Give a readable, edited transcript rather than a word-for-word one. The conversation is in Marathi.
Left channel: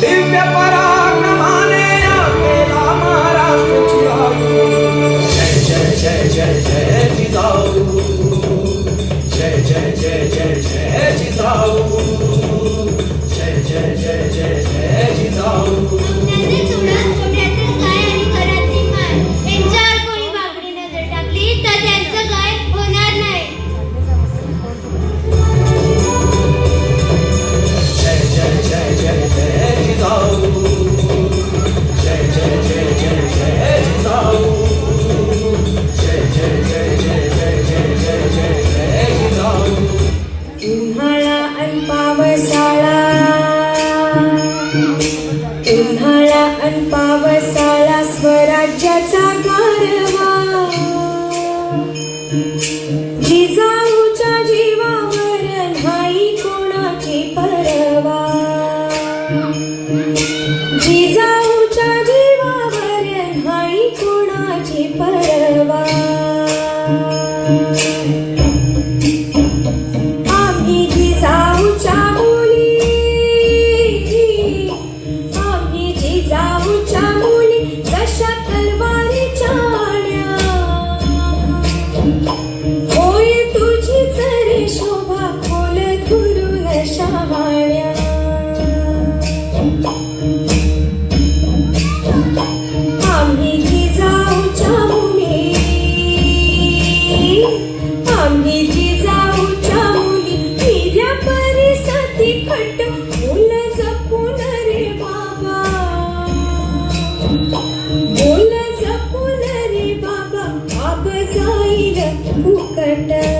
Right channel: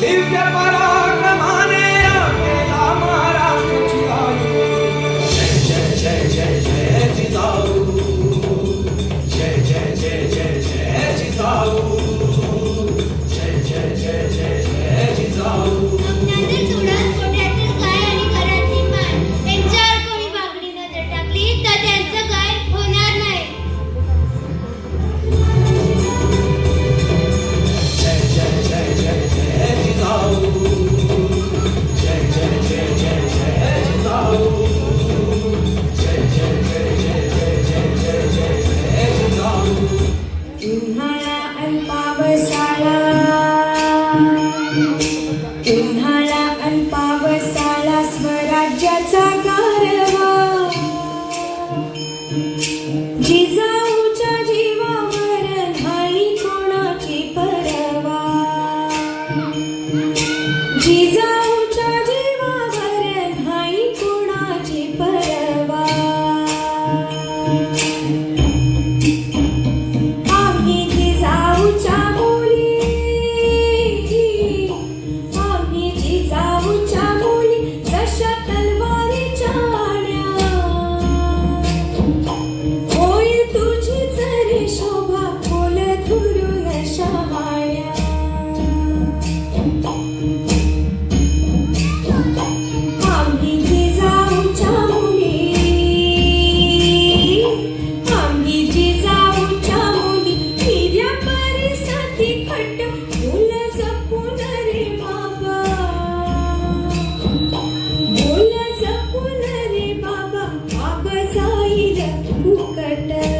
दिव्य पराक्रमाने केला महाराष्ट्र चिरायू. जय जय जय जय जय जिजाऊ, जय जय जय जय जय जिजाऊ, जय जय जय जय जय जिजाऊ. उन्हाळा अन पावसाळा स्वराज्याचा गारवा, जिजाऊच्या जीवावर नाही कोणाची परवा, जिजाऊच्या जीवावर नाही कोणाची परवा. आम्ही जिजाऊच्या जिजाऊच्या मुली जशा तलवारीच्या आड्या, होय तुझीच रे शोभा फुल धुरून शहाण्या. आम्ही जिजाऊच्या मुली, आम्ही जिजाऊच्या मुली हिऱ्या परिसती खट फुल जपून रे बाबा, बोल जपून रे बाबा, बाबा जाईल फुकट.